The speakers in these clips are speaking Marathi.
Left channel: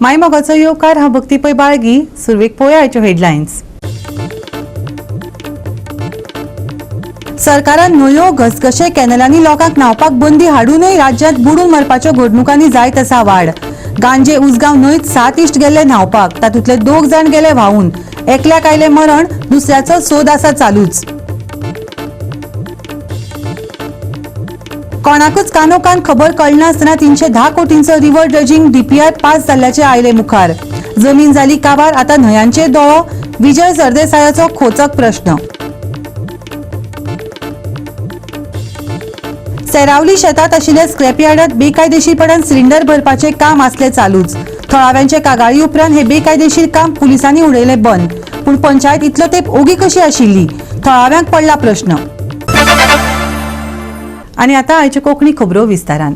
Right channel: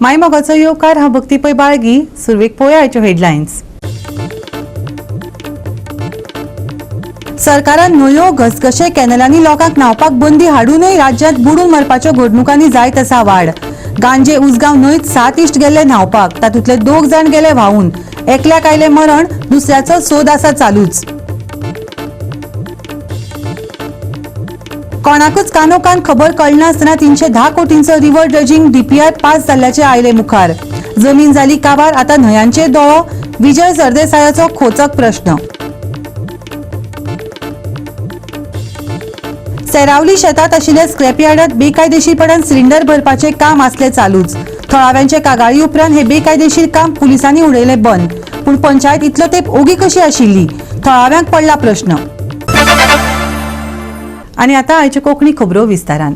मायमोगाचो येवकार हांव भक्तीपै बाळगी. सुरवेक पळोवया आयच्यो हेडलायन्स. सरकारान न्हंयो घसघशे कॅनलांनी लोकांक न्हावपाक बंदी हाडूनय राज्यांत बुडून मरपाच्यो घडणुकांनी जायत आसा वाड. गांजे उसगांव न्हंयत 7 इश्ट गेले न्हावपाक, तातूंतले 2 जाण गेले व्हांवून. एकल्याक आयले मरण, दुसऱ्याचो सोद आसा चालूच. कोणाकूच कानोकान खबर कळनासतना 310 कोटींचो रिव्हर ड्रेजिंग डीपीआर पास जाल्ल्याचे आयले मुखार. जमीन जाली काबार, आतां न्हंयांचेर दोळो. विजय सरदेसायाचो खोचक प्रश्न. सेरावली शेतात आशिल्ल्या स्क्रॅपयार्डात बेकायदेशीरपणान सिलिंडर भरपाचे काम आसले चालूच. थळाव्यांचे कागाळी उपरांत हे बेकायदेशीर काम पुलिसांनी उडयले बंद. पूण पंचायत इतलो तेंप ओगी कशी आशिल्ली? थळाव्यांक पडला प्रश्न. आनी आतां आयच्यो कोंकणी खबरो विस्तारान.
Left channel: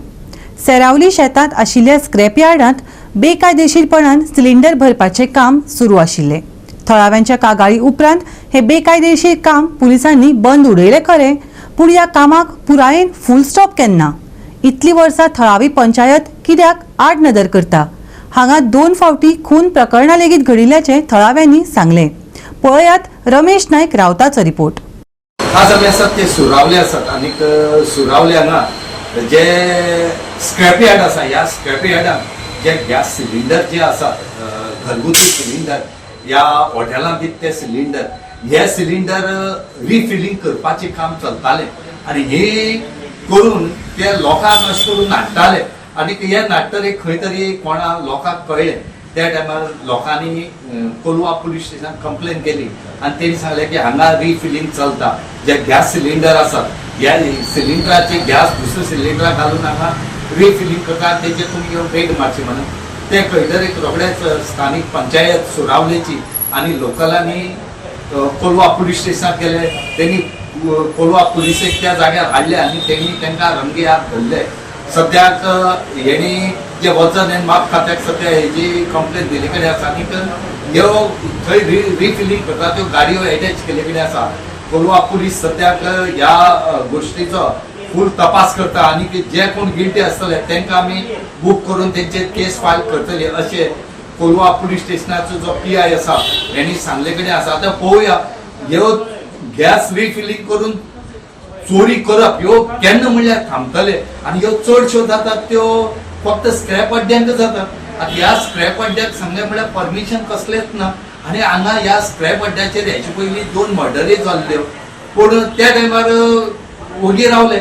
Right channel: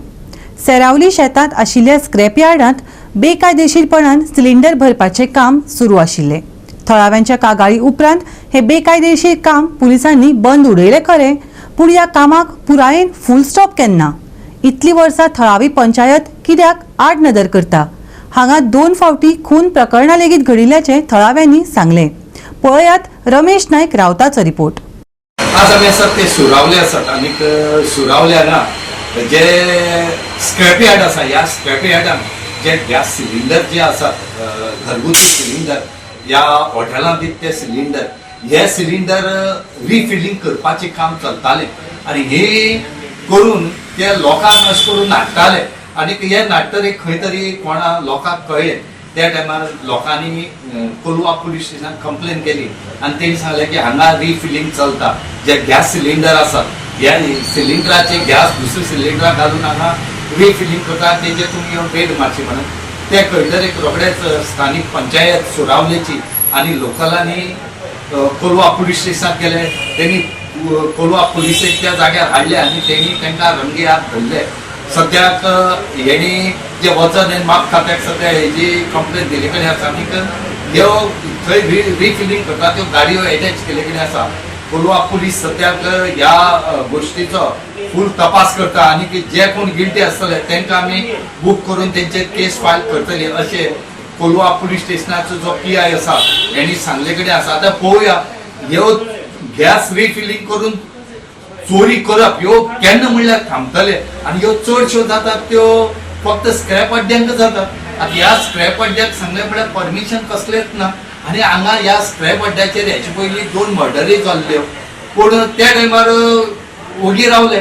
सेरावली शेतात आशिल्ल्या स्क्रॅपयार्डांत बेकायदेशीरपणान सिलिंडर भरपाचे काम सुरू आशिल्ले. थळाव्यांच्या कागाळी उपरांत हे बेकायदेशीर काम पुलिसांनी बंद उडयले खरे, पूण ह्या कामाक पुरायेन फुल स्टॉप केन्ना? इतली वर्सां थळावी पंचायत कित्याक आडनदर करता? हांगा 2 फावटी खून प्रकरणां लेगीत घडिल्ल्याचे थळाव्यांनी सांगले. पळयात रमेश नायक रावताचो रिपोर्ट. आज आमी आसात ते सुरावले आसात आनी सुरावले हांगा जे स्क्रॅप यार्ड आसा, ह्या स्क्रॅप यार्डान जे गॅस सिलिंडर जे आसात, घरगुती सिलिंडर, ह्या हॉटेलांत दित ते सिलिंडर, हे सिलिंडर रिफिलिंग करपाचें काम चलतालें आनी हे करून ते लोकांक अशें करून नाडटाले आनी हे नाडटरे खंय तरी कोणा लोकांक कळ्ळें. त्या टायमार लोकांनी कोलवा पुलीस स्टेशनाक कंप्लेन केली आनी तेणी सांगलें की हांगा रिफिलिंग चलता. जे गॅस सिलिंडर आसात, ह्या सिलिंडराचे गॅस दुसऱ्या सिलिंडराक घालून हांगा रिफिलिंग करता, तेजे तुमी वेट मारची म्हणून ते कळटरे रोखडेच स्थानीक पंचायत सुरावलेची आनी लोकलांनी कोलवा पुलीस स्टेशनाक गेले. तेणी कोलवा पुलिसेक त्या जाग्यार हाडले आनी तेणी तांकां रंगे हात धरले. सद्याक हेणी जे वजन आनी माप खात्याक सद्या हेजी कंप्लेन दिले कडेन आसा आनी ह्यो थंय रिफिलिंग करता त्यो गाडयो अटॅच केले कडेन आसा. कोलवा पुलीस सद्याक ह्या गोश्टीचो फूल तपास करता आनी जे कोण गिल्टी आसतले तांकां आमी बूक करून तेंचेर केस फायल करतली अशें कोलवा पुलीस स्टेशनाचो जो PI आसा हेणी सांगले कडेन आसा. आतां पळोवया ह्यो गॅस रिफिलिंग करून चोरी करप ह्यो केन्ना म्हणल्यार थांबतले आनी ह्यो चडश्यो जातात त्यो फक्त स्क्रॅप अड्ड्यांक जातात. आतां ह्या स्क्रॅप अड्ड्याक सांगलें म्हळ्यार परमिशन कसलेंच ना आनी हांगा ह्या स्क्रॅप अड्ड्याचेर हेचे पयलीं 2 मर्डरी जाल्ल्यो पूण त्या टायमार ओगी रावले.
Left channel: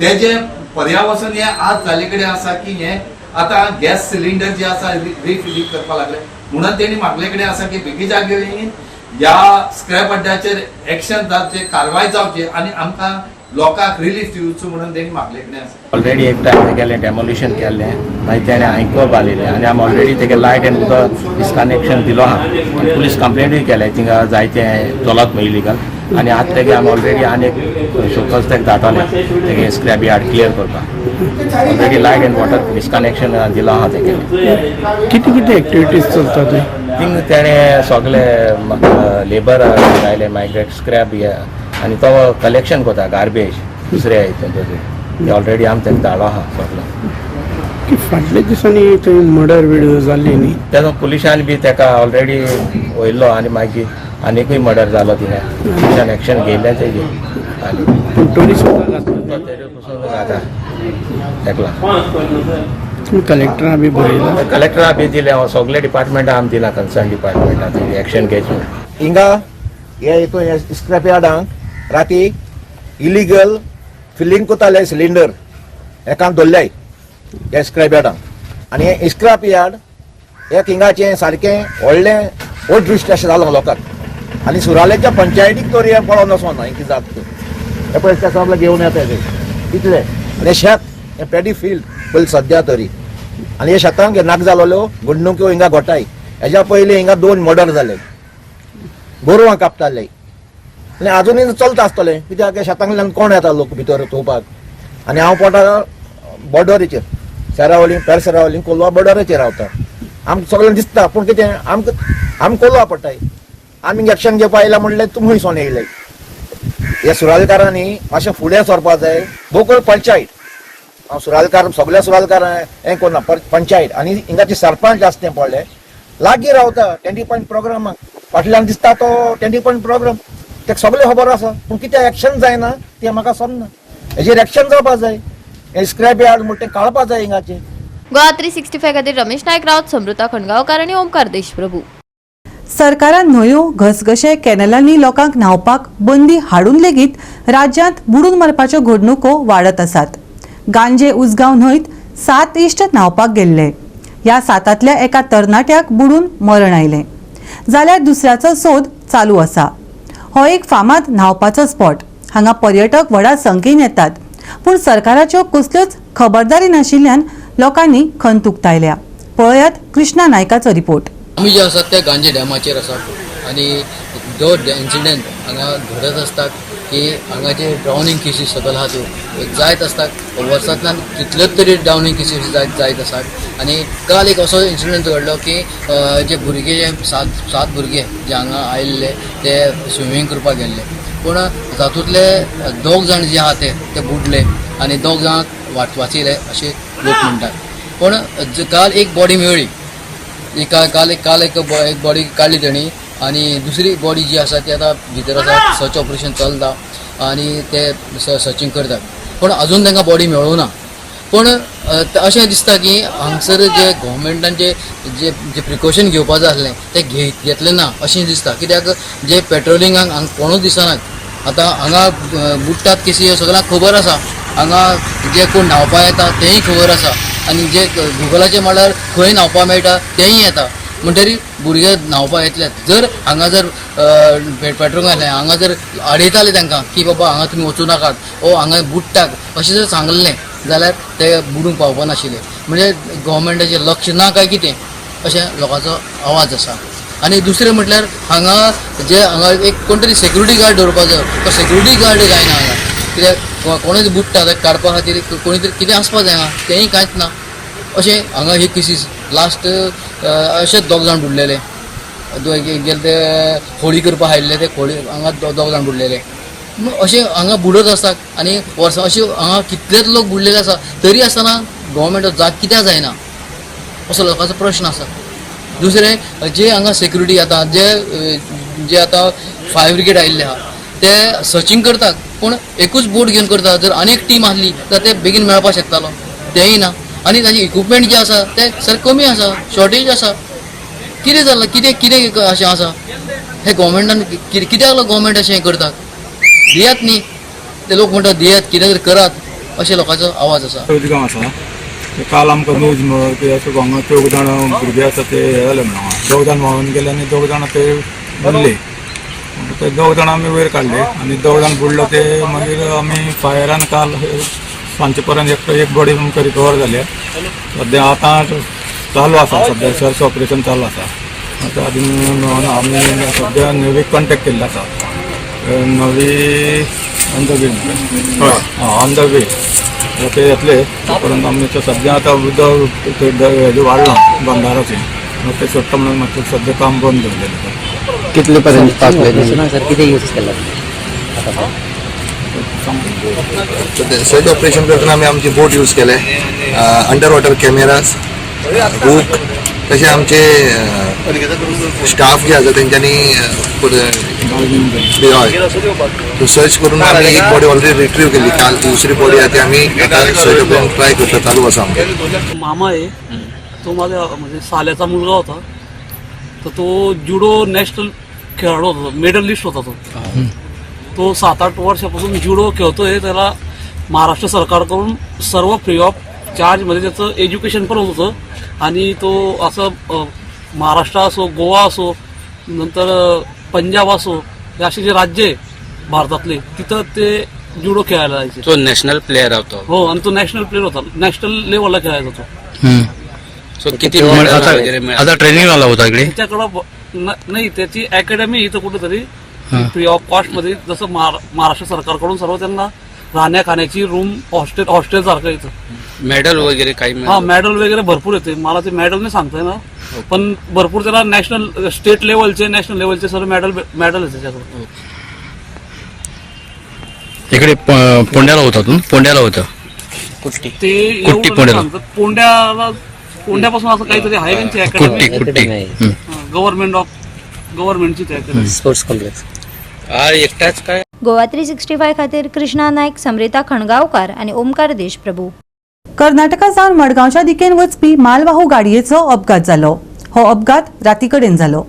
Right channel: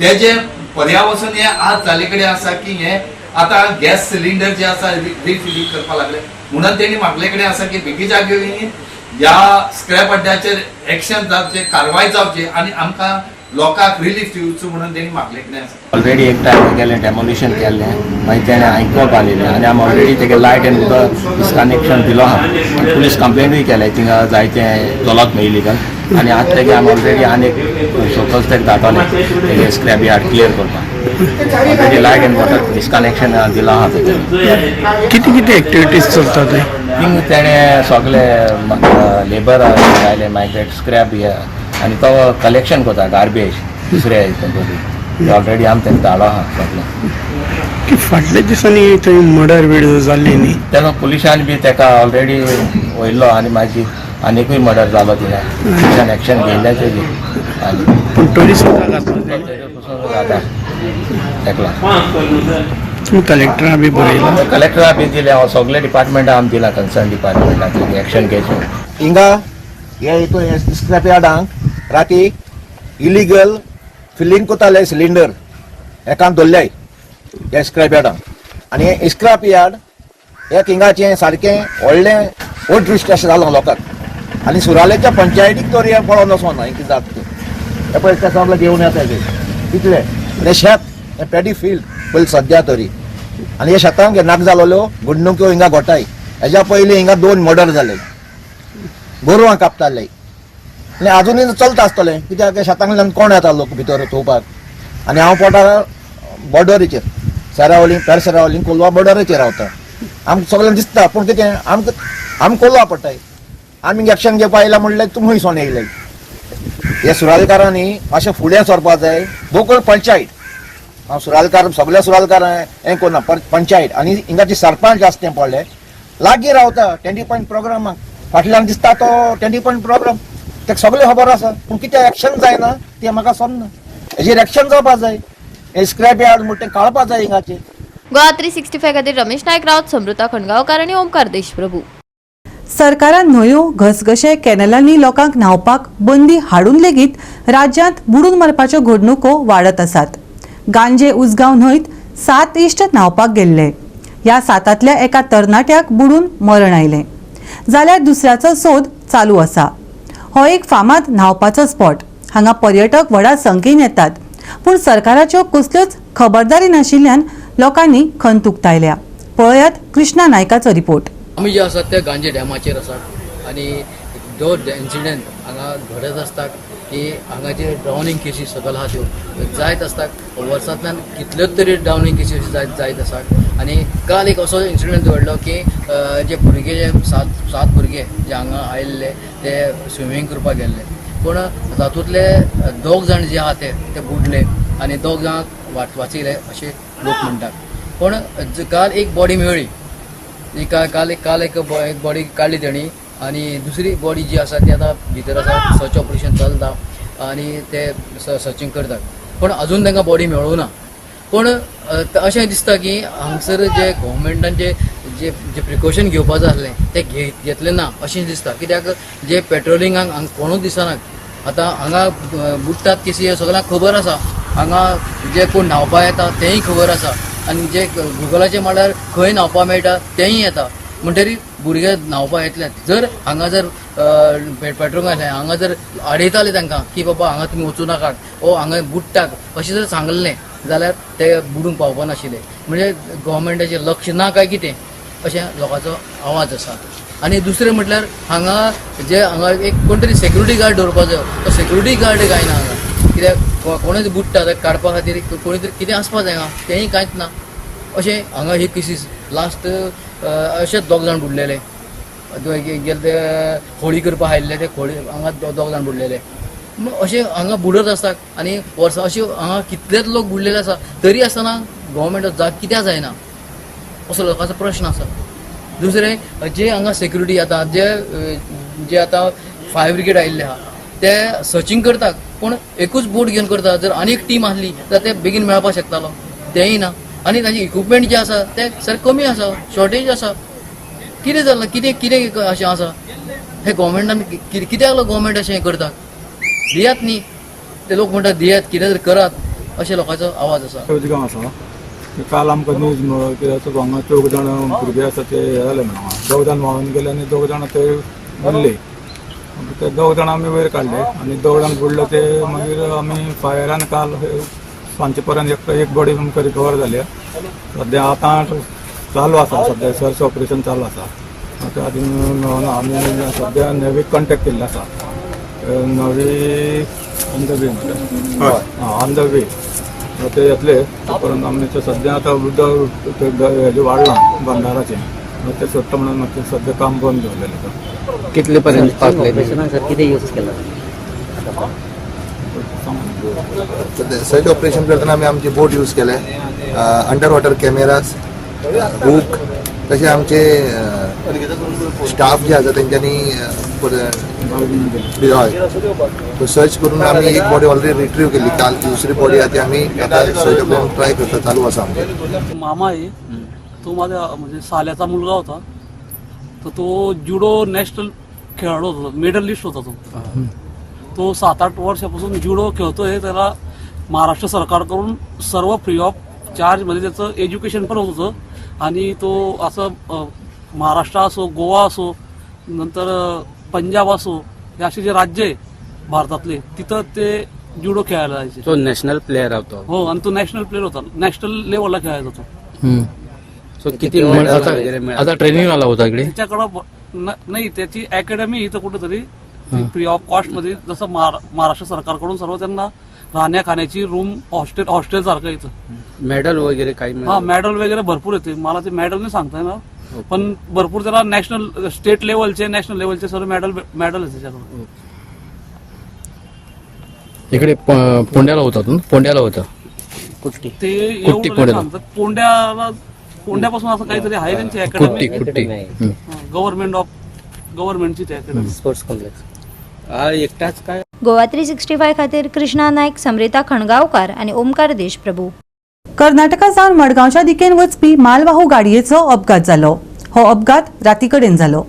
तेजे पर्यावसन हे आज जाले कडेन आसा की हे आतां गॅस सिलिंडर जे आसा रिफिलिंग करपाक लागले म्हणून तेणी म्हागले कडेन आसा की बेगीच्या बेगीन ह्या स्क्रॅप अड्ड्याचेर एक्शन जावचें, कारवाय जावची आनी आमकां लोकांक रिलीफ दिवचो म्हणून तेणी म्हागले कडेन आसा. ऑलरेडी एक टायम गेलें डेमोलिशन केल्लें, मागीर तेणें आयकप आलेलें आनी आमी ऑलरेडी तेगे लायट एंड उदक डिस्कनेक्शन दिलो आहा आनी पुलीस कंप्लेनूय केले थिंगा जायते चलत न्हय इलिगल आनी आतां तेगे आमी ऑलरेडी आनी शोकस तेका धाडटले तेगे स्क्रॅप यार्ड क्लियर करपाक. Already light end water disconnection दिलो आहा तेजें. कितें एक्टिविटीज चलता थंय? थिंग तेणें सगळे लेबर आयले मायग्रेट स्क्रॅप हे आनी तो कलेक्शन करता गार्बेज दुसऱ्या हितून ऑलरेडी आमी तेंका धाडलो आहा सगळें. की फाटल्या दिसांनी थंय मर्डर बीड जाल्ली न्ही? तेका पुलिशान बी तेका ऑलरेडी वयल्लो आनी मागीर आनीकूय मर्डर जालो थिंगा. पुलिशान एक्शन घेयल्याचें बी आनी पूण टोरी सुद्दां घातलो पसून जाता तेका. तुमी कलेक्टरा बी बरयला? कलेक्टरा बी दिले, सगळे डिपार्टमेंटा आमी दिला कन्सर्न डिपार्टमेंटाक एक्शन घेवचें. हिंगा हे हितून स्क्रॅप यार्डांक राती इलिगल फिलिंग कोताले सिलिंडर एकान दवरल्याय हे स्क्रॅप यार्डांक आनी हे स्क्रॅप यार्ड एक हिंगाचें सारकें व्हडलें ओट दृश्ट अशें जालो लोकांक आनी सुरालेच्या पंचायतीक तर हे पळोवन वचोना हें कितें जाता तें. हे पळय सगळें घेवन येता हे कितले आनी हे शेत हें पॅडी फील्ड पयलीं सद्या तरी आनी हे शेतांक नाक जालोल्यो घडणुक्यो हिंगा घोटाय. हेज्या पयलीं हिंगा 2 मर्डर जाले, गोरवां कापताले आनी आजुनूय चलता आसतलें कित्याक शेतांतल्यान कोण येता लोक भितर चोवपाक. आनी हांव पोटा बॉर्डरीचेर सेरावली पेर सेरावली कोलवा बॉर्डरीचेर रावता. आमकां सगळ्यांक दिसता पूण कितें आमी कोलवा पडटाय. आमी एक्शन घेवपा आयला म्हणलें तुमी खंयसून येयले. हे सुरालकारांनी अशें फुडें सरपा जाय. बोकळ पंचायत हांव सुरालकार सगळे सुरालकार हें कोन्ना पंचायत आनी हिंगाचे सरपंच आसा तें पडले लागीं रावता 20 पॉयंट प्रोग्रामाक फाटल्यान दिसता तो 20 पॉयंट प्रोग्राम तेका सगळें खबर आसा पूण कितें एक्शन जायना तें म्हाका समजना हेजेर एक्शन जावपा जाय हे स्क्रॅप यार्ड म्हणटा तें काडपा जाय हिंगाचें. गोवा 365 खातीर रमेश नायक रावत, समृता खणगांवकार आनी ओमकार देशप्रभू. सरकारान न्हंयो घसघशे कॅनलांनी लोकांक न्हावपाक बंदी हाडून लेगीत राज्यांत बुडून मरपाच्यो घडणुको वाडत आसात. गांजे उसगांव न्हंयत 7 इश्ट न्हावपाक गेल्ले. ह्या 7तल्या एका तरणाट्याक बुडून मरण आयलें जाल्यार दुसऱ्याचो सोद चालू आसा. हो एक फामाद न्हावपाचो स्पॉट. हांगा पर्यटक व्हडा संख्येन येतात पूण सरकाराच्यो कसल्योच खबरदारी नाशिल्ल्यान लोकांनी खंत उक्तायल्या. पळयात कृष्णा नायकाचो रिपोर्ट. आमी जे आसात ते गांजे डॅमाचेर आसात आनी जो इन्सिडंट हांगा घडत आसतात की हांगाचे ड्रावनींग केसीस सकयल आहा त्यो जायत आसतात. वर्सांतल्यान कितलेच तरी ड्रावनींग केसीस जायत आसात आनी काल एक असो इन्सिडंट घडलो की जे भुरगे जे 7 भुरगे जे हांगा आयिल्ले ते स्विमींग करपाक गेल्ले पूण तातूंतले 2 जाण जे आहा ते बुडले आनी 2 जाणांक वाचयले अशे लोक म्हणटात. पूण काल एक बॉडी मेळ्ळी. काल एक बॉडी काडली तेणी आनी दुसरी बॉडी जी आसा ती आतां भितर आसा. सर्च ऑपरेशन चलता आनी ते सर्चींग करतात पूण अजून तांकां बॉडी मेळूं ना. पूण अशें दिसता की हांगसर जे गोवोरमेंटान जे प्रिकॉशन घेवपा जाय आसलें तें घेतलें ना अशें दिसता. कित्याक जे पेट्रोलिंगाक हांगा कोणूच दिसनात. आतां हांगा बुडटात केसी सगळ्यांक खबर आसा. हांगा जे कोण न्हावपा येता तेंय खबर आसा आनी जे गुगलाचेर म्हळ्यार खंय न्हावपा मेळटा तेंय येता म्हणटरी भुरगे न्हावपा येतले. जर हांगा जर पेट्रोल घातलें हांगा जर आडयताले तांकां की बाबा हांगा तुमी वचूं नाकात वो हांगा बुडटात अशें जर सांगलें जाल्यार ते बुडूंक पावपा नाशिल्ले. म्हणजे गोवोरमेंटाचें लक्ष ना काय कितें अशें लोकांचो आवाज आसा. आनी दुसरें म्हटल्यार हांगा एक कोण तरी सेक्युरिटी गार्ड दवरपाचो तो सेक्युरिटी गार्ड जायना हांगा. कित्याक कोणूच बुडटा जाल्यार काडपा खातीर कोणी तरी कितें आसपा जायना तेंय कांयच ना. अशें हांगा ही केसीस लास्ट अशेंच 2 जाण बुडलेले. गेले ते होळी करपाक आयिल्ले ते होळी हांगा 2 जाण बुडलेले. अशें हांगा बुडत आसतात आनी वर्सां अशें हांगा कितलेच लोक बुडलेले आसा तरी आसतना गोवोरमेंट जाग कित्याक जायना असो लोकांचो प्रश्न आसा. दुसरें जे हांगा सेक्युरिटी येता जे आतां फायर ब्रिगेड आयिल्ले आहा ते सर्चींग करतात पूण एकूच बोट घेवन करता. जर आनी एक टीम आसली जाल्यार ते बेगीन मेळपाक शकतालो तेंय ना. आनी ताजे इक्विपमेंट जे आसा ते सर कमी आसा शॉर्टेज आसा. कितें जालां कितें अशें आसा हे गोवोरमेंटान कित्याक गोवोरमेंट अशें करतात दियात न्ही. ते लोक म्हणटात दियात कितें तरी करात अशें लोकांचो आवाज आसा. गांव आसा काल आमकां न्यूज मेळ्ळो की अशें हांगा 4 जाण भुरगे आसा ते हे जाले म्हणून 2 जाण व्हांवून गेले आनी 2 जाण ते बुडले. ते 2 जाण आमी वयर काडले आनी 2 जाण बुडलो ते मागीर आमी फायरान काल सांचे पर्यंत एक बॉडी आमकां रिकवर जाल्या. सद्या आतां चालू आसा सद्या सर्च ऑपरेशन चालू आसा. आतां आदी मेळून आमी सद्या नेवीक कॉन्टेक्ट केल्लो आसा. नवी on the way on the way ते येतले परंतु आमी सद्या आतां उदक हेजें वाडलां बंदाराचें ते सोडटा म्हणून मातशें सद्या काम बंद जालें. कितले पर्यंत पावले सर कितें यूज केला सर्च ऑपरेशन करतना आमी आमची बोट यूज केले. अंडर वॉटर कॅमेराज बुक तशें आमचे स्टाफ जे आसा तेंच्यांनी हय सर्च करून आमी एक बॉडी ऑलरेडी रिट्रीव केली. काल दुसरी बॉडी आहा ती आमी सर्च करून ट्राय करता चालू आसा आमचे. मामा आहे तो माझ्या म्हणजे साल्याचा मुलगा होता तर तो जुडो नॅशनल खेळाडू होता मेडलिस्ट होता तो 7-8 वर्षापासून जुडो खेळतोय. त्याला महाराष्ट्र सरकारकडून सर्व फ्री ऑफ चार्जमध्ये त्याचं एज्युकेशन पण होत होतं आणि तो असं महाराष्ट्र असो गोवा असो नंतर पंजाब असो हे असे जे राज्य आहे भारतातले तिथं ते जुडो खेळायला जायचे. तो नॅशनल प्लेयर होतो. हो आणि तो नॅशनल प्लेयर होता. नॅशनल लेवलला खेळायचा तो. किती आता ट्रेनिंग आला होता इकडे त्याच्याकडं नाही त्याची अकॅडमी इथं कुठेतरी फ्री ऑफ कॉस्ट मध्ये जसं महाराष्ट्र सरकारकडून सर्व त्यांना राहण्या खाण्याची रूम हॉस्टेल सारखं येतं. मेडल वगैरे काही हा मेडल वगैरे भरपूर येते. मला ते मेडल नाही सांगता ना पण भरपूर त्याला नॅशनल स्टेट लेवलचे नॅशनल लेवलचे सर्व मेडल आहे त्याच्याकडे. इकडे पुण्याला होता तू पुण्याला होता ते एवढं सांगतात पोंड्यापासून असं काहीतरी आहे त्यांची अकॅडमी, गव्हर्नमेंटची ती अकॅडमी. स्पोर्ट्स कॉम्प्लेक्स एकटाच काय. गोवा 365 खातीर कृष्णा नायक, समरिता खणगांवकार आनी ओमकार देशप्रभू. कर्नाटका सावन मडगांवच्या दिकेन वचपी मालवाहू गाडयेचो अपघात जालो. हो अपघात राती कडेन जालो.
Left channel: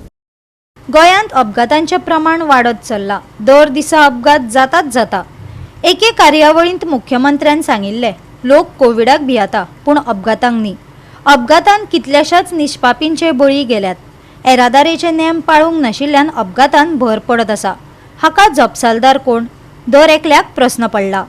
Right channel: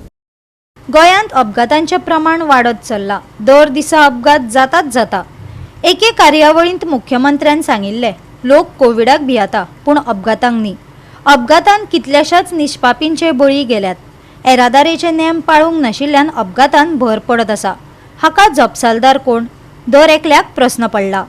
गोंयांत अपघातांचें प्रमाण वाडत चल्लां. दर दिसा अपघात जाताच जाता. एके कार्यावळींत मुख्यमंत्र्यान सांगिल्लें, लोक कोविडाक भियाता पूण अपघातांक न्ही. अपघातांत कितल्याशाच निश्पापींचे बळी गेल्यात. येरादारीचे नेम पाळूंक नाशिल्ल्यान अपघातांत भर पडत आसा. हाका जपसालदार कोण? दर एकल्याक प्रस्न पडला.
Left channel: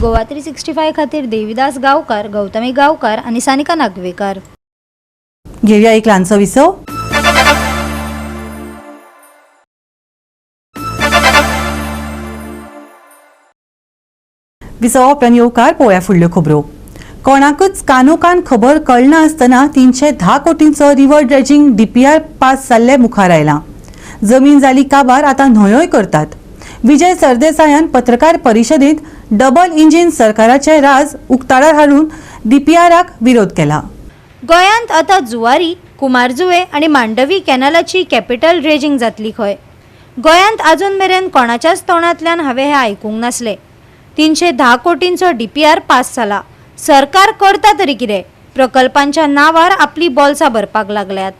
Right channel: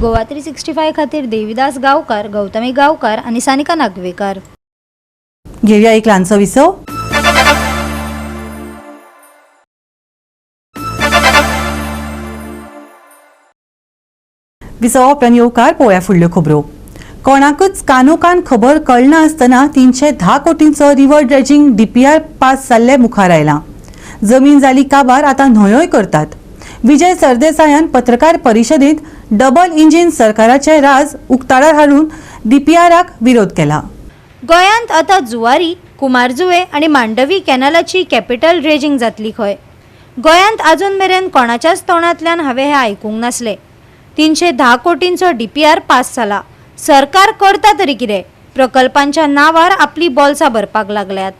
गोवा 365 खातीर देविदास गांवकार, गौतमी गांवकार आनी सानिका नागवेकर. घेऊया एक ल्हानसो विसव. विसव उपरांत येवकार पळोवया फुडल्यो खबरो. कोणाकूच कानोकान खबर कळना आसतना 310 कोटींचो रिव्हर ड्रेजिंग DPR पास जाल्ले मुखार आयला. जमीन जाली काबार आतां न्हंयोय करतात. विजय सरदेसायान पत्रकार परिशदेंत डबल इंजिन सरकाराचे राज उक्ताडार हाडून DPRाक विरोध केला. गोंयांत आतां जुवारी, कुमारजुवे आनी मांडवी कॅनलाची कॅपिटल ड्रेजिंग जातली खंय. गोंयांत आजून मेरेन कोणाच्याच तोंडांतल्यान हांवें हें आयकूंक नासलें. 310 कोटींचो DPR पास जाला. सरकार करता तरी कितें? प्रकल्पांच्या नांवार आपली बॉल्सां भरपाक लागल्यात.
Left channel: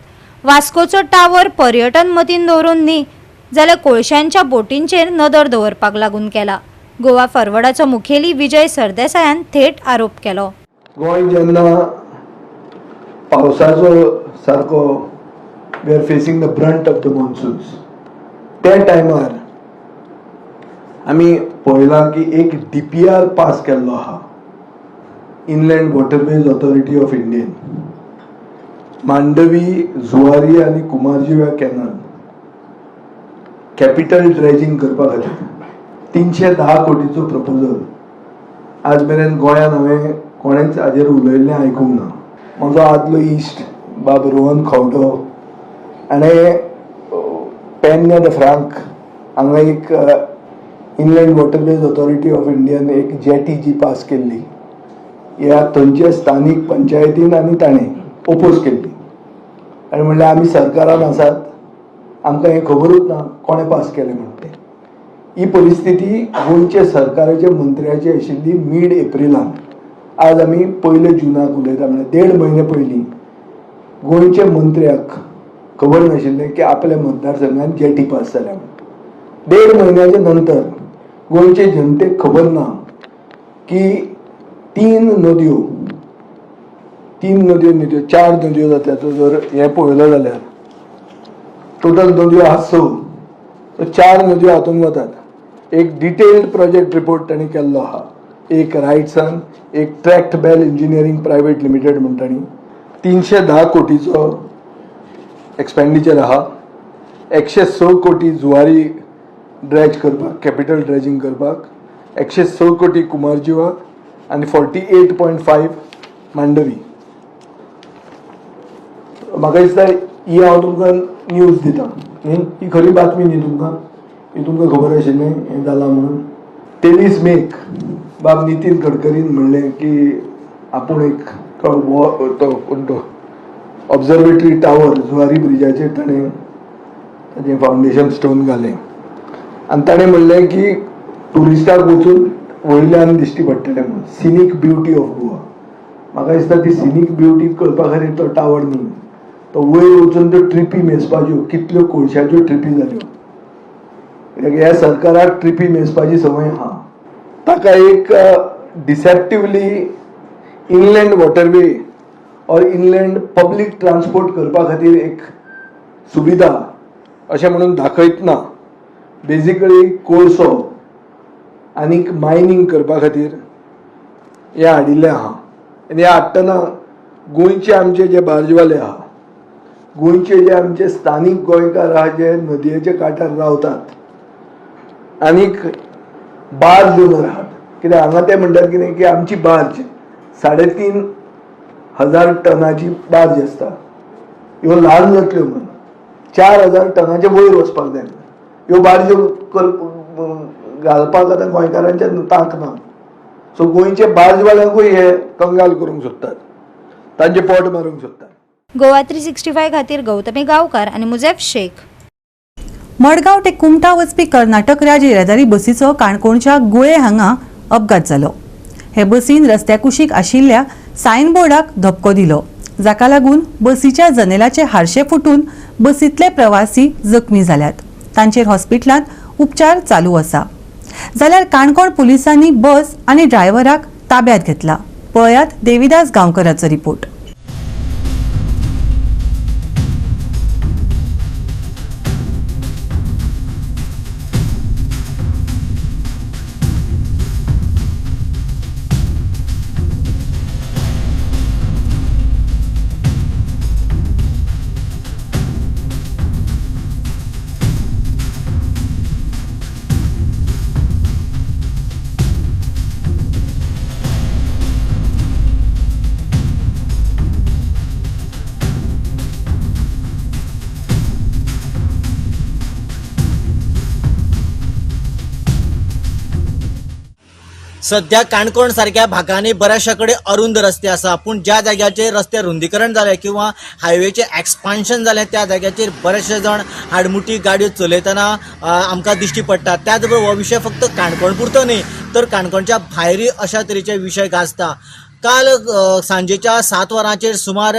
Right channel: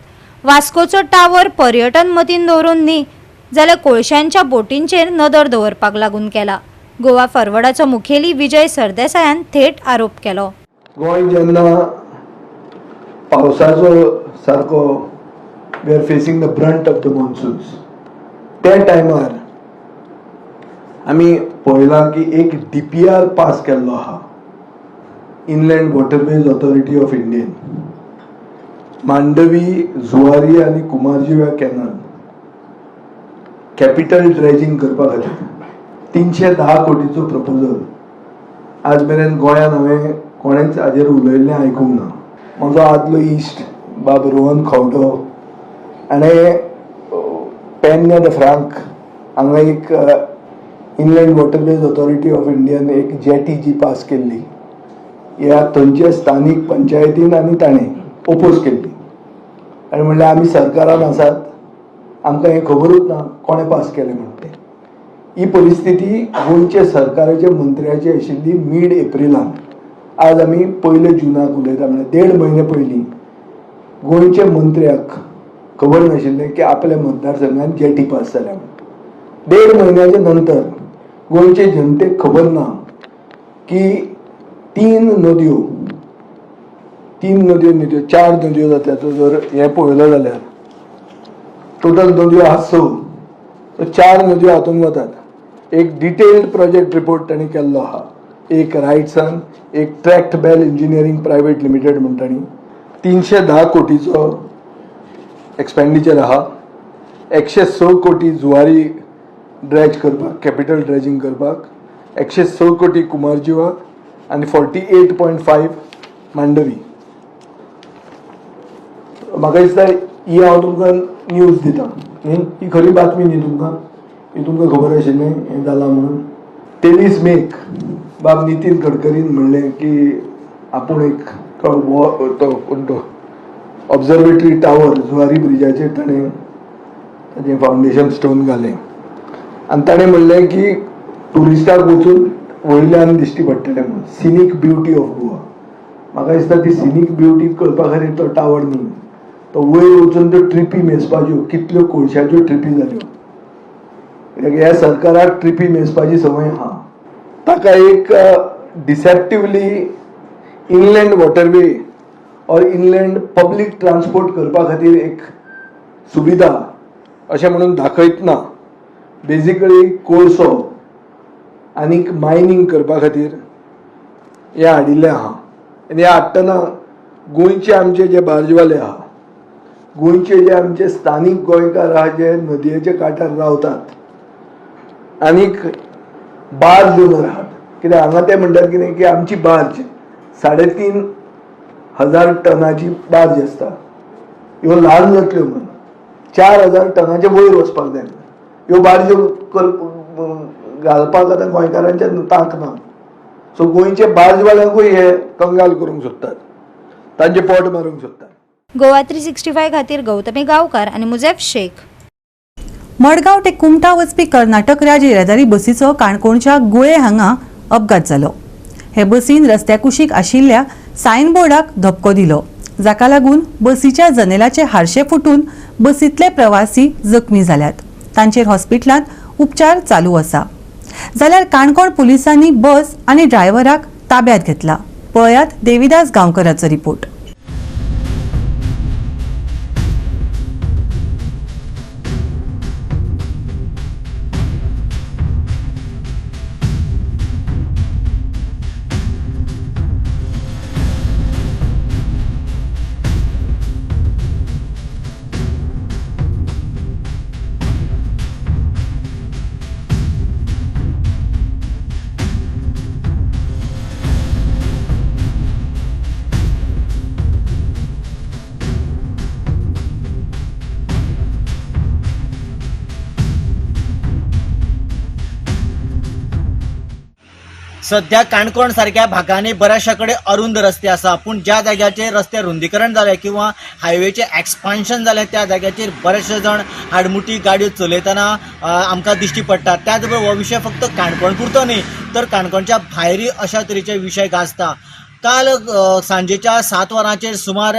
वास्कोचो टावर पर्यटन मतीन दवरून न्ही जाल्यार कोळशांच्या बोटींचेर नदर दवरपाक लागून केला. गोवा फॉरवर्डाचो मुखेली विजय सरदेसायान थेट आरोप केलो. गोंय जेन्ना पावसाचो सारको we are facing the brunt of the monsoons, त्या टायमार आमी पळयलां की एक DPR पास केल्लो आहा, inland waterways authority of Indian. Mandovi, Zuari आनी कुमारजुव्या कॅनल कॅपिटल ड्रेजिंग करपा खातीर 310 कोटीचो प्रपोजल आज मेरेन गोंयान हांवें कोणेच हाजेर उलयल्लें आयकूंक ना. म्हजो आदलो इश्ट बाब रोहन खवडो हाणें पेन्या द फ्रांक हांगा एक inland waterways authority of Indian एक जेटी जी पास केल्ली, ह्या थंयच्या स्थानीक पंचायतीन आनी ताणें ओपोज केल्ली आनी म्हणलें आमी सरकारान आसात, आमकां हें खबरूच ना कोणें पास केलें म्हणून तें. ही परिस्थिती गोंयचे सरकाराचे मंत्र्याची आशिल्ली मिड एप्रिलान. आज आमी 1 जुनाक उलयता, म्हणजे 1.5 म्हयने पयलीं गोंयच्या मंत्र्याक खबर नाशिल्लें की आपल्या मतदारसंघात जेटी पास जाल्या म्हणून. 1.5 म्हयन्याच्या नंतर गोंयचे जनतेक खबर ना की 3 नद्यो 4 नद्यो जातल्याचो जर हें पळयलो जाल्यार टोटल नद्यो आहा 6, 4 नद्यो हातूंत वतात. एक डिटेल्ड प्रोजेक्ट रिपोर्ट तांणी केल्लो आहा. एक रायट्सान, एक Tractebel engineering private limited म्हण तांणी 310 कोटीचो एक्सपेंडिचर आहा. 106 कोटी जुवारी ड्रेज करपाक, कॅपिटल ड्रेजिंग करपाक, 106 कोटी कुमारजुवा आनी 48.5 मांडवी. म्हाका दिसता ही हांव तुमकां न्यूज दिता न्ही, ही खरी बातमी न्ही तुमकां, ही तुमकां खबर आशिल्लें हें जालां म्हणून. 23 मेक बाब नितीन गडकरीन म्हणलें की आपूण एक तो ऑब्झर्वेटरी टावर जुवारी ब्रिजाचेर ताणें ताजें फावंडेशन स्टोन घालें आनी ताणें म्हणलें की टुरिस्टाक वचून वयल्यान दिश्टी पडटलें म्हणून सिनीक ब्युटी ऑफ गोवा. म्हाका दिसता ती सिनीक ब्युटी करपा खातीर तो टावर न्ही, तो वयर वचून त्यो ट्रिपी मेजपाच्यो, कितल्यो कोळशाच्यो ट्रिपी जाल्यो. ह्या सरकाराक ट्रिपी मेजपाची संवय आहा. ताका एक डिसेप्टिवली इनलँड वॉटरवे और इनलँड पब्लीक ट्रान्सपोर्ट करपा खातीर एक सुविधा अशें म्हणून दाखयतना बेजिकली कोळसो आनीक मायनींग करपा खातीर हें हाडिल्लें आहा. आनी हें हाडटना गोंयचे आमचे जे बार्जवाले आहा, गोंयचे जे आमचे स्थानीक गोंयकार आहा जे नदयेच्या कांठार रावतात आनीक बार्ज ओनर आहात, कित्याक हांगा ते म्हणटात कितें की आमची बार्ज 3,500 टनाची बार्ज आसता, ह्यो ल्हान जातल्यो म्हणून 4,000 टनाचे वयर वचपाक जाय. ह्यो बार्ज्यो घालपाक आतां गोंयकारांच्या तांक ना. सो गोंयचे बार्जवाल्यांकूय हे कंगाल करूंक सोदतात, तांचे पोट मारूंक सोदतात. गोवा 365 खातीर गौतमी गांवकार आनी मुजेफ शेख. मडगांव ते कुमटा वचपी कर्नाटक राज्य येरादारी बसीचो काणकोणच्या गुळे हांगा अपघात जालो. हे बसीन रस्त्या कुशीक आशिल्ल्या सायनबोर्डाक धपको दिलो, जाका लागून बसीच्या जनेलाचे हारशे फुटून बसींतले प्रवासी जखमी जाल्यात. तांचेर हॉस्पिटलांत उपचार चालू आसा. जाल्यार काणकोण पुलिसांनी बस आनी ड्रायव्हराक ताब्यात घेतला. पळयात देविदास गांवकराचो रिपोर्ट. सध्या काणकोण सारख्या भागांनी बऱ्याचशा कडेन अरुंद रस्ते आसा, पूण ज्या जाग्याचेर रस्ते रुंदीकरण जालें किंवा हायवेचे एक्सपान्शन जालें त्या जाग्याचेर बरेचशे जण हाडमुटी गाडयो चलयतना आमकां दिश्टी पडटा. त्याच बरोबर हो विशय फक्त काणकोण पुरतो न्ही, तर काणकोणच्या भायरूय अशा तरेचे विशय गाजता. काल सांजेच्या 7 वरांचेर सुमार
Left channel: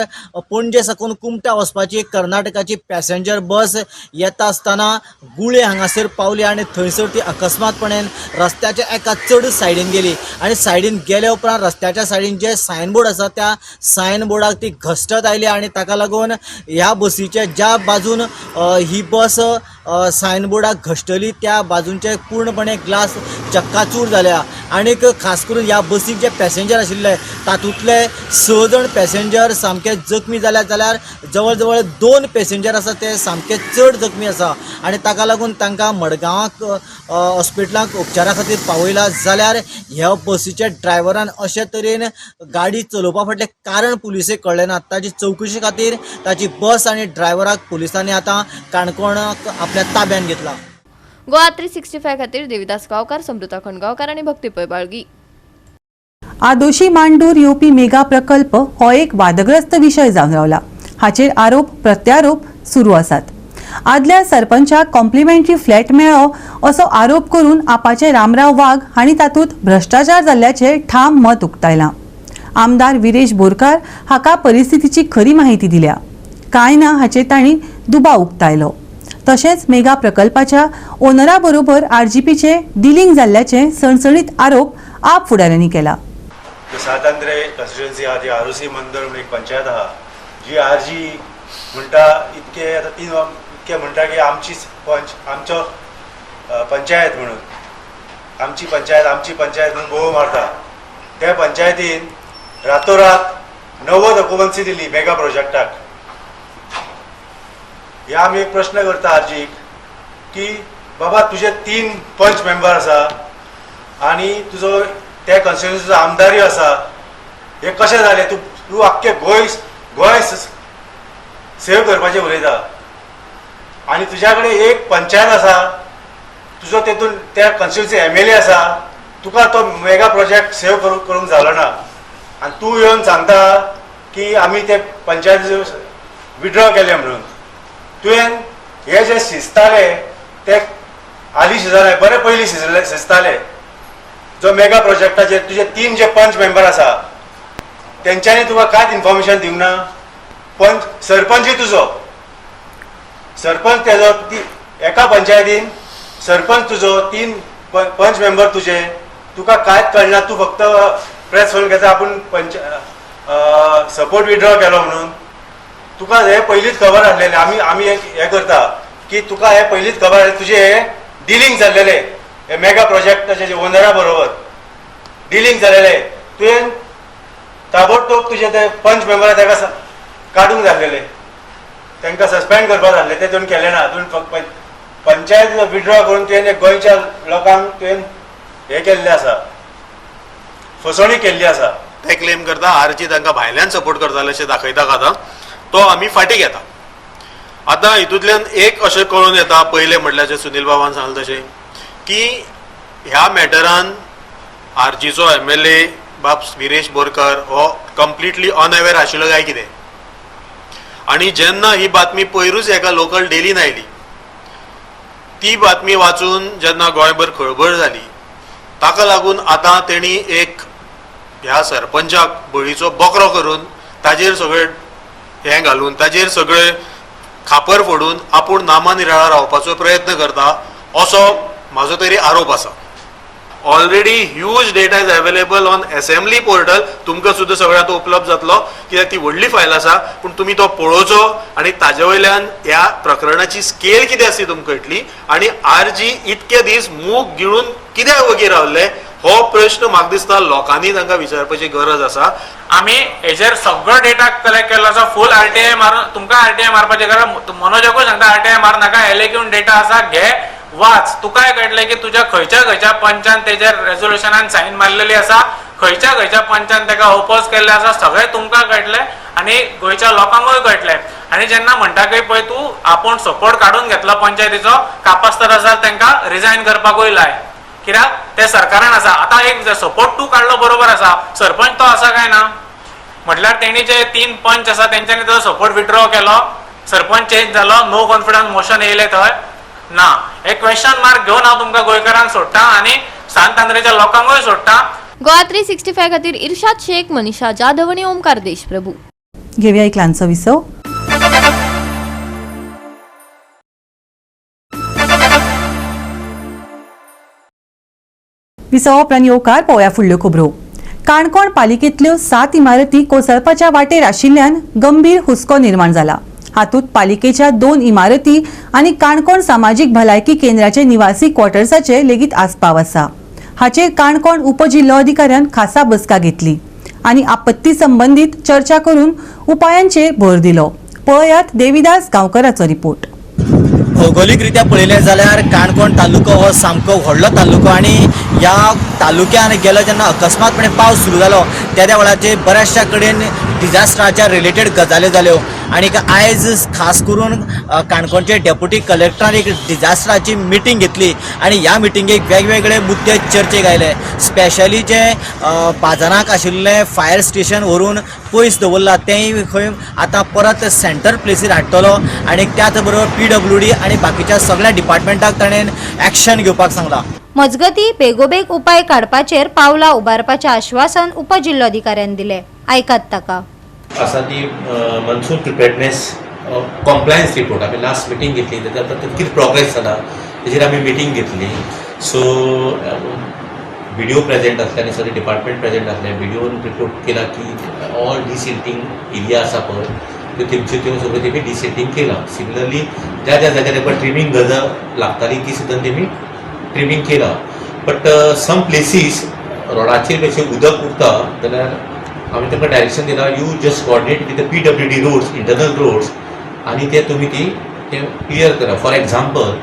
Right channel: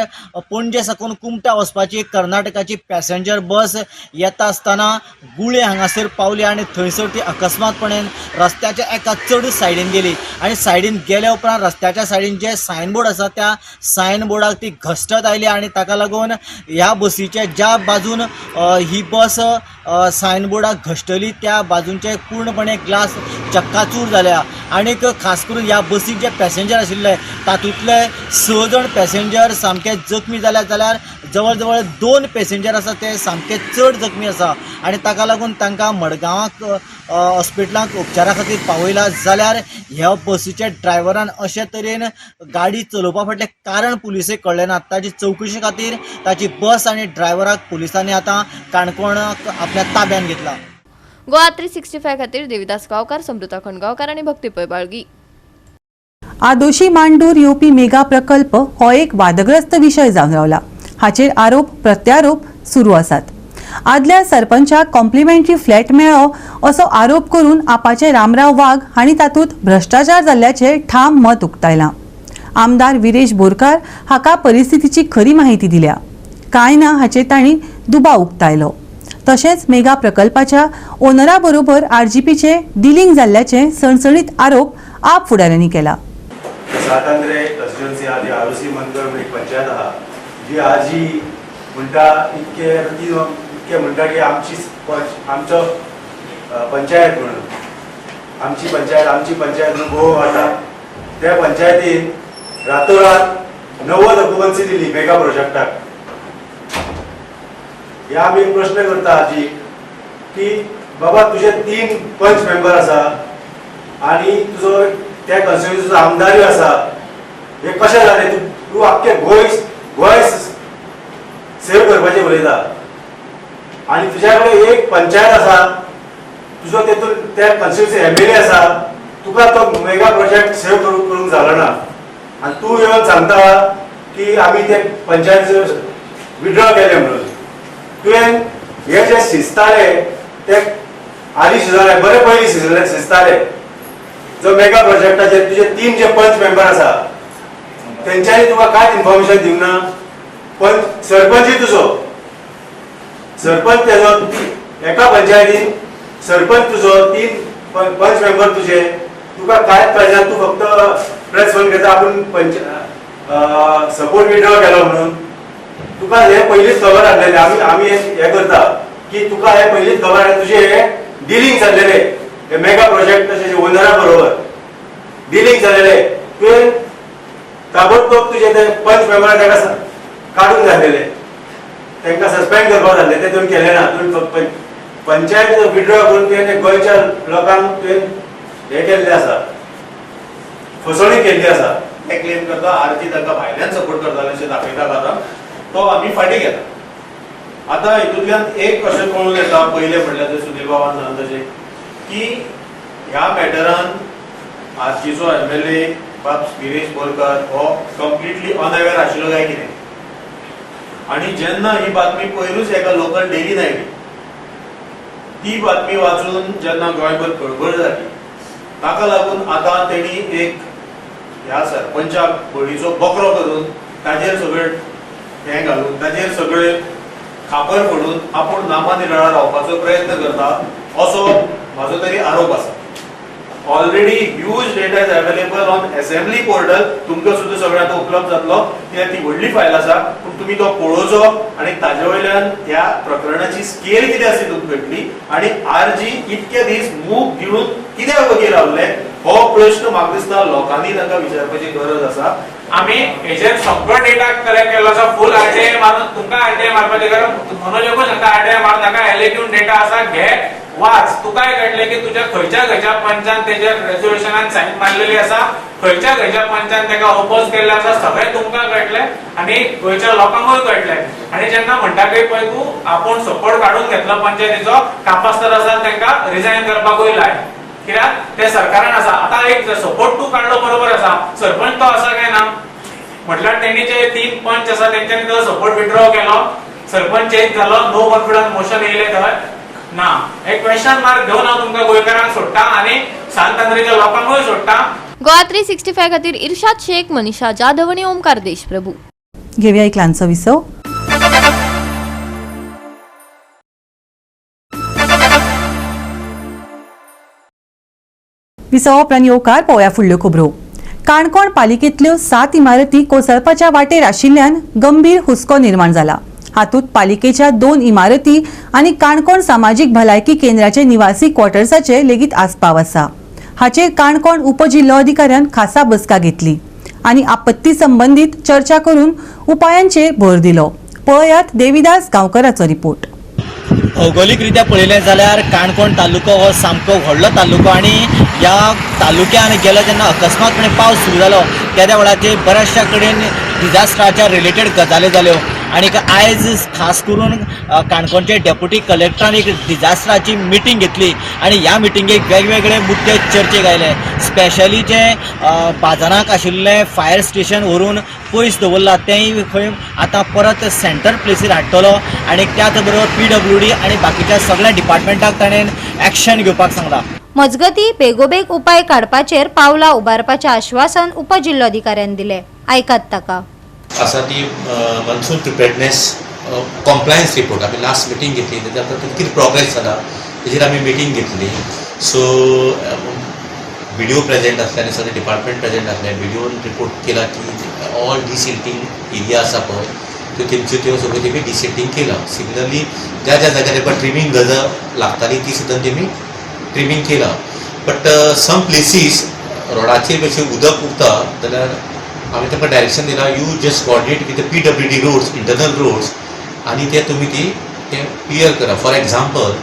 पणजे साकून कुमटा वचपाची कर्नाटकाची पॅसेंजर बस येता आसतना गुळे हांगासर पावली आनी थंयसर ती अकस्मातपणान रस्त्याच्या एका चड सायडीन गेली आनी सायडीन गेल्या उपरांत रस्त्याच्या सायडीन जे सायनबोर्ड आसा त्या सायनबोर्डाक ती घश्टत आयली आनी ताका लागून ह्या बसीच्या ज्या बाजून ही बस सायनबोर्डाक घश्टली त्या बाजूंचे पूर्णपणे ग्लास चक्काचूर जाल्या. आनीक खास करून ह्या बसीक जे पॅसेंजर आशिल्ले तातूंतले 6 जण पॅसेंजर सामके जखमी जाल्यात. जाल्यार जवळ जवळ 2 पॅसेंजर आसा ते सामके चड जखमी आसा आनी ताका लागून तांकां मडगांवाक हॉस्पिटलांत उपचारा खातीर पावयला. जाल्यार ह्या बसीच्या ड्रायव्हरान अशे तरेन गाडी चलोवपा फाटलें कारण पुलिसेक कळ्ळें ना. ताची चवकशी खातीर ताची बस आनी ड्रायव्हराक पुलिसांनी आतां काणकोणाक आपल्या ताब्यान घेतला. गोवा 365 खातीर देविदास गांवकार, समृता खणगांवकार आनी भक्तीपय बाळगी. आदोशी मांडूर येवपी मेगा प्रकल्प हो एक वादग्रस्त विशय जावन रावला. हाचेर आरोप प्रत्यारोप सुरू आसात. आदल्या सरपंचाक कॉम्प्लिमेंटरी फ्लॅट मेळ्ळो असो आरोप करून आपाचे रामराव वाघ हांणी तातूंत भ्रष्टाचार जाल्ल्याचे ठाम मत उक्तायलां. आमदार विरेश बोरकार हाका परिस्थितीची खरी माहिती दिल्या. कांय ना हाचेर तांणी दुबाव उक्तायलो. तशेंच मेगा प्रकल्पाच्या ओनरा बरोबर आरजीपीचे डिलिंग जाल्ल्याचे सणसणीत आरोप आप फुडाऱ्यांनी केला. सातांद्रे कन्स्टिट्युएन्सी आहा ती आरोसी मंदळ एक पंचायत आहा जी आरजी म्हणटा इतके म्हणटा की आमचो पंचायत म्हणून आमची पंचायत म्हणून भोव मारता. त्या पंचायतीन रातोरात 90 ऑक्युपन्सी दिली मेगा प्रोजेक्टाक. ह्या आमी एक प्रश्न करता आरजी की बाबा तुझे 3 पंच मेंबर आसा आनी तुजो त्या कॉन्स्टिट्युएन्सीचो आमदारूय आसा, हे कशें जालें? तूं आख्खे गोंय सेव करपाचें उलयता आनी तुज्या कडेन एक पंचायत आसा, तुजो तेतून त्या कॉन्स्टिट्युएन्सी MLA आसा, तुका तो मेगा प्रोजेक्ट सेव करूंक जालो ना आनी तूं येवन सांगता की आमी ते पंचायतीचे विड्रॉ केले म्हणून. तुवें हे जे शिजताले ते आदी शिजताले, बरे पयलीं शिजताले. जो मेगा प्रोजेक्टाचे तुझे 3 जे पंच मेंबर आसा त्यांच्यानी तुका कांयच इन्फॉर्मेशन दिवंक ना. पंच सरपंच तुजो सरपंच तेजो एका पंचायतीन सरपंच तुजो 3 पंच मेंबर तुझे तुका कांयच कळना. तू फक्त प्रेस फोन घेता आपूण सपोर्ट विड्रॉ केलो म्हणून. तुका हे पयलींच खबर आसलेले. आमी हे करता की तुका हे पयलींच खबर आसले तुझे हे डिलिंग जाल्लेले हे मेगा प्रोजेक्टाचे ओनरा बरोबर डिलिंग जाल्लेले. तुवें ताबडतोब तुझे ते पंच मेंबर ताका काडूंक जाय आसलेले. तांकां सस्पेंड करपाक जाय आसलें. ते तुवें केलें ना. तुवें पंचायत विड्रॉ करून तुवें गोंयच्या लोकांक तुवें हे केल्लें आसा फसवणूक केल्ली आसा. ते क्लेम करता आरजी तांकां भायल्यान सपोर्ट करताले अशें दाखयता आतां तो आमी फाटीं घेता. आतां हितूंतल्यान एक अशें कळून येता पयलें म्हटल्यार जे सुनील बाबान सांगलें तशें की ह्या मॅटरान आरजीचो MLA बाब विरेश बोरकार हो कंप्लिटली अनअवेर आशिल्लो काय कितें. आनी जेन्ना ही बातमी पयरूच एका लोकल डेलीन आयली ती बातमी वाचून जेन्ना गोंयभर खळबळ जाली ताका लागून आतां तेणी एक ह्या सरपंचाक बळीचो बकरो करून ताजेर सगळें हें घालून ताजेर सगळें खापर फोडून आपूण नामानिराळा रावपाचो प्रयत्न करता असो म्हाजो तरी आरोप आसा. Already huge data is available on assembly portal. तुमकां सुद्दां सगळ्यां तो उपलब्ध जातलो कित्याक ती व्हडली फायल आसा. पूण तुमी तो पळोवचो आनी ताजे वयल्यान ह्या प्रकरणाची स्केल कितें आसा ती तुमकां कळटली. आनी आरजी इतके दीस मूग गिळून कित्याक वगैरे रावले हो प्रश्न म्हाका दिसता लोकांनी तांकां विचारपाची गरज आसा. आमी हेजेर सगळो डेटा कलेक्ट केल्लो आसा. फूल RTI मारून तुमकां RTI मारपाचें गरज मनोजाकूय सांगता RTI मार नाका. एलेक्यून डेटा आसा घे वाच. तुकाय कळटलें की तुज्या खंयच्या पंचान तेजेर रेझोल्युशनान सायन मारलेली आसा खंयच्या पंचान ताका ओपोज केल्ले आसा सगळें तुमकां कळटलें आनी गोंयच्या लोकांकूय कळटलें. आनी जेन्ना म्हणटाकय पळय तूं आपूण सपोर्ट काडून घेतलो पंचायतीचो कापास्तर आसा तांकां रिजायन करपाकूय लाय. कित्याक ते सरकारान आसा. आतां एक सपोर्ट तूं काडलो बरोबर आसा सरपंच तो आसा काय ना म्हटल्यार तेणी जे 3 पंच आसा तेंच्यांनी तो सपोर्ट विड्रॉ केलो सरपंच चेंज जालो नो कॉन्फिडन्स मोशन येयलें थंय ना. एक क्वेश्चन मार्क घेवन हांव तुमकां गोंयकारांक सोडटा आनी सांतांद्रेच्या लोकांकूय सोडटा. गोवा 365 खातीर इर्शाद शेख, मनीषा जाधव आणि ओमकार देशप्रभू. घेऊया एक ल्हानसो विसव. विसव उपरांत येवकार पळोवया फुडल्यो खबरो. काणकोण पालिकेंतल्यो 7 इमारती कोसळपाच्या वाटेर आशिल्ल्यान गंभीर हुस्को निर्माण जाला. हातूंत पालिकेच्या 2 इमारती आनी काणकोण सामाजीक भलायकी केंद्राचे निवासी क्वॉर्टर्साचे लेगीत आस्पाव आसा. हाचेर काणकोण उपजिल्लो अधिकाऱ्यान खासा बसका घेतली आनी आपत्ती संबंदीत चर्चा करून उपायांचेर भर दिलो. पळयात देविदास गांवकराचो रिपोर्ट. भौगोलिकरित्या पळयलें जाल्यार काणकोण तालुको हो सामको व्हडलो तालुको आनी ह्या तालुक्यान गेलो जेन्ना अकस्मातपणे पावस सुरू जालो त्या वेळाचेर बऱ्याचशा कडेन डिजास्टराच्या रिलेटेड गजाली जाल्यो. आनीक आयज खास करून काणकोणचे डेप्युटी कलेक्टरान एक डिजास्टराची मिटींग घेतली आनी ह्या मिटींगेक वेगवेगळे मुद्दे चर्चेक आयले. स्पेशली जे बाजाराक आशिल्लें फायर स्टेशन व्हरून पयस दवरला तेंय खंय आतां परत सेंटर प्लेसीर हाडटलो आनी त्याच बरोबर PWD आनी बाकीच्या सगळ्या डिपार्टमेंटाक ताणें एक्शन घेवपाक सांगलां. मजगती बेगोबेग उपाय काडपाचेर पावलां उबारपाचें आश्वासन उपजिल्लोधिकाऱ्यान दिलें. आयकात ताका. आसा ती मनसून प्रिपेर्डनेस कॉम्प्लायन्स रिपोर्ट आमी लास्ट मिटींग घेतली तेच्या कितें प्रोग्रेस जाला तेजेर आमी मिटींग घेतली. सो BDO प्रेजेंट आसले आनी सगळे डिपार्टमेंट प्रेजेंट आसले. BDOन रिपोर्ट केला की ऑल डिसिल्टिंग एरिया आसा पळय त्यो तेंच्यो त्यो सगळ्यो तेमी डिसिल्टिंग केलां. सिमिलरली ज्या ज्या जाग्यार ताका ट्रिमींग गरज लागताली ती सुद्दां तेमी ट्रिमींग केलां. बट सम प्लेसीस रोडाचेर मातशें उदक उरता जाल्यार आमी ताका डायरेक्शन दिला you just coordinate with the PWD roads internal roads आनी ते तुमी ती क्लियर करा. फॉर एग्जाम्पल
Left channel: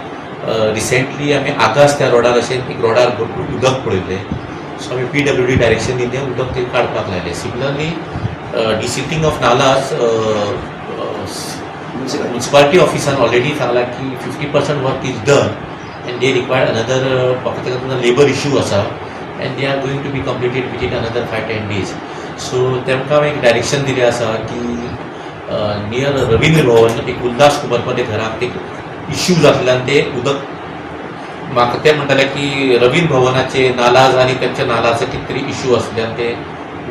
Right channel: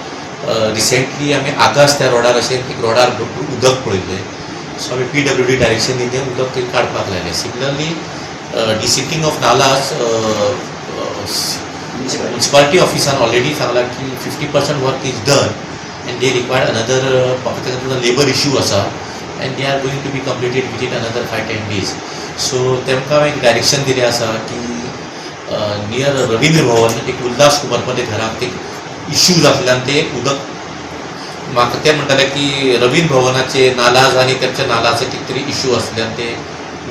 रिसेंटली आमी आगास त्या रोडार अशें एक रोडार उदक पळयल्लें. सो आमी PWD डायरेक्शन दिवन तें उदक थंय काडपाक लायलें. Similarly desilting of nalas municipality ऑफिसान ऑलरेडी सांगला की 50% work is done and they required another फक्त लेबर इश्यू आसा and they are going to be completed within another 5-10 days. So तेमकां एक डायरेक्शन दिलें आसा की नियर रवींद्र भवन एक उल्हास कुमार मध्ये घराक एक इश्यू जातल्यान ते उदक म्हाका ते म्हणटाले की रवींद्र भवनाचे नालाज आनी तेंच्या नालाचे कितें तरी इश्यू आसल्यान ते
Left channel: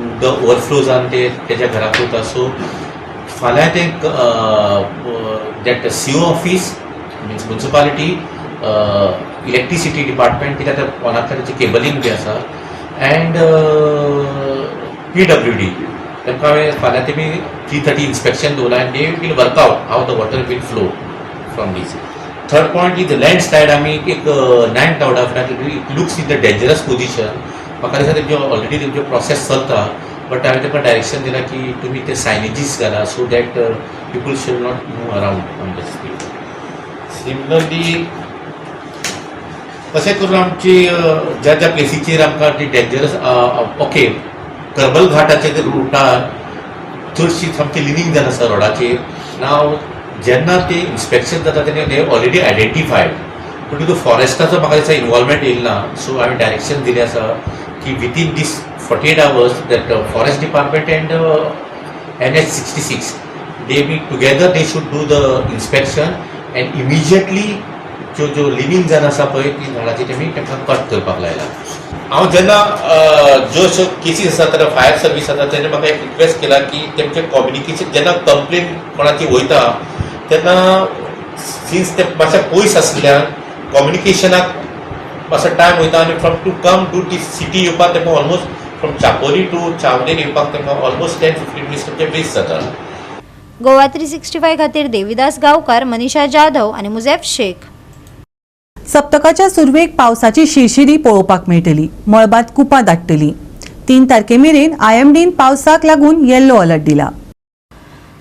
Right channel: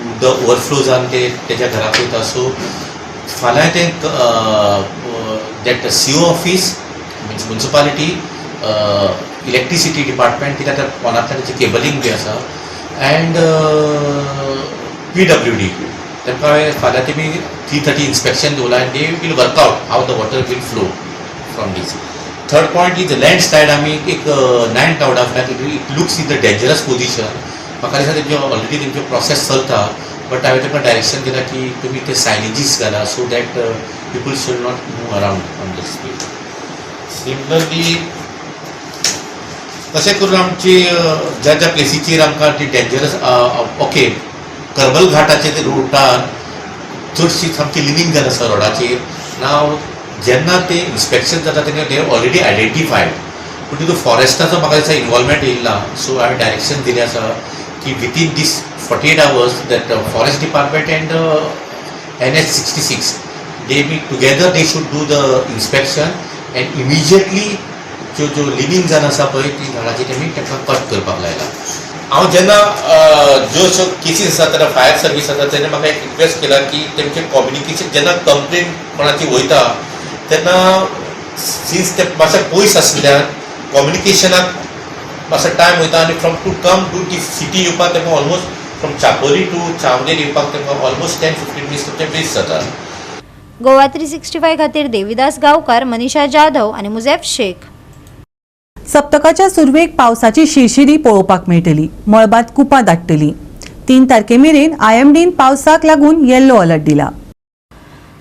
उदक ओवरफ्लो जावन ते तेज्या घराक वयता. सो फाल्यां ते that CO office means municipality electricity department कित्याक पोनांतल्यान तेची केबलींग बी आसा एंड PWD तांकां हांवें फाल्यां तेमी 3:30 इन्स्पेक्शन दवरलां and they will work out how the water will flow from this. Third point is the landslide आमी एक 9 टावडा flat it looks in the dangerous position. म्हाका दिसता तेंच्यो ऑलरेडी तेंच्यो प्रोसेस चलता बट हांवें तांकां डायरेक्शन दिलां की तुमी ते सायनेजीस घाला so that people should not move around on the street. Similarly तशें करून आमची ज्या ज्या प्लेसीचेर आमकां ती डेंजरस ओके करबल घाटाचे रुटार चडशी सामकी लिनींग जावन आसा रोडाचेर. नाव जेन्ना ते इन्स्पेक्शन जाता तेन्ना दे ऑलरेडी आयडेंटिफायड पूण तितून फॉरेस्टाचो म्हाका दिसता इनवॉल्वमेंट येयला. सो हांवें डायरेक्शन दिलें आसा की within this 48 hours that forest department and NH66 they meet together, they should do the inspection and immediately जो लिव्हिंग जावन आसा पळय ती झाडाची तेमी तांकां कट करपाक लायला. हांव जेन्ना ज्यो अश्यो केसीस आसा तेन्ना फायर सर्वीस आसा तेन्ना म्हाका एक रिक्वेस्ट केला की तेमचें कम्युनिकेशन जेन्ना कंप्लेन कोणाची वयता तेन्ना सिन्स ते मातशें पयस आसल्यान कम्युनिकेशनाक मातसो टायम वयता आनी फ्रॉम टू कम टू ती सिटी येवपाक तेमकां ऑलमोस्ट फ्रॉम चापोली टू चावडेर येवपाक तेमकां ऑलमोस्ट 10-15 मिनिट्स तेमचें वेस्ट जाता. गोवा 365 खातीर देविदास गांवकार, मनीषा जाधव आनी मुझेफ शेख. सप्तकाच्या सुरवेक पावसाची शिरशिरी पळोवपाक मेळटली. मळबात कुपां दाटतली. 3 तारखेमेरेन IMDन पावसाक लागून येल्लो अलर्ट दिला.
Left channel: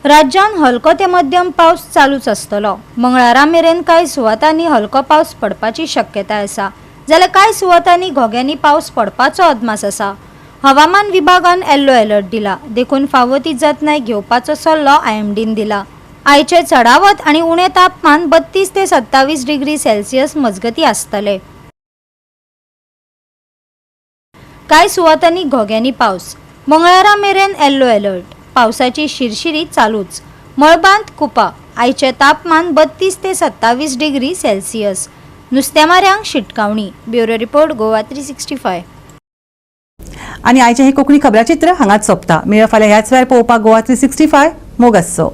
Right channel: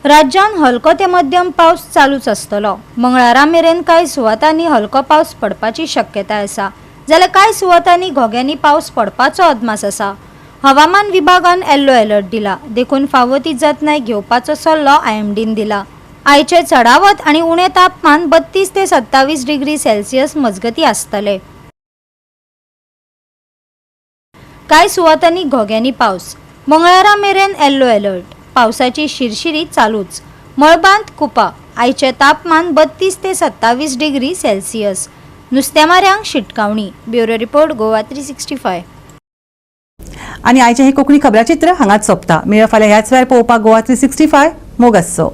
राज्यात हलको ते मध्यम पावस चालूच आसतलो. मंगळारा मेरेन कांय सुवातांनी हलको पावस पडपाची शक्यताय आसा जाल्यार कांय सुवातांनी घोग्यांनी पावस पडपाचो अदमास आसा. हवामान विभागान येल्लो अलर्ट दिला. देखून फावो ती जतनाय घेवपाचो सल्लो IMDन दिला. आयचे चडावत आनी उणें तापमान 32 ते 27 डिग्री सेल्सियस मजगती आसतले. कांय सुवातांनी घोग्यांनी पावस. मंगळारा मेरेन येल्लो अलर्ट. पावसाची शिरशिरी चालूच. मळबांत कुपां. आयचे तापमान 32 ते 27 डिग्री सेल्सियस. नुस्तेमाऱ्यांक शिटकावणी. Bureau report Goa 365. आणि आयचे हे कोंकणी खबराचित्र हांगाच सोंपता. मेळ फाल्यां ह्याच वेळार पळोवपाक गोवा 365 मोग आसचो.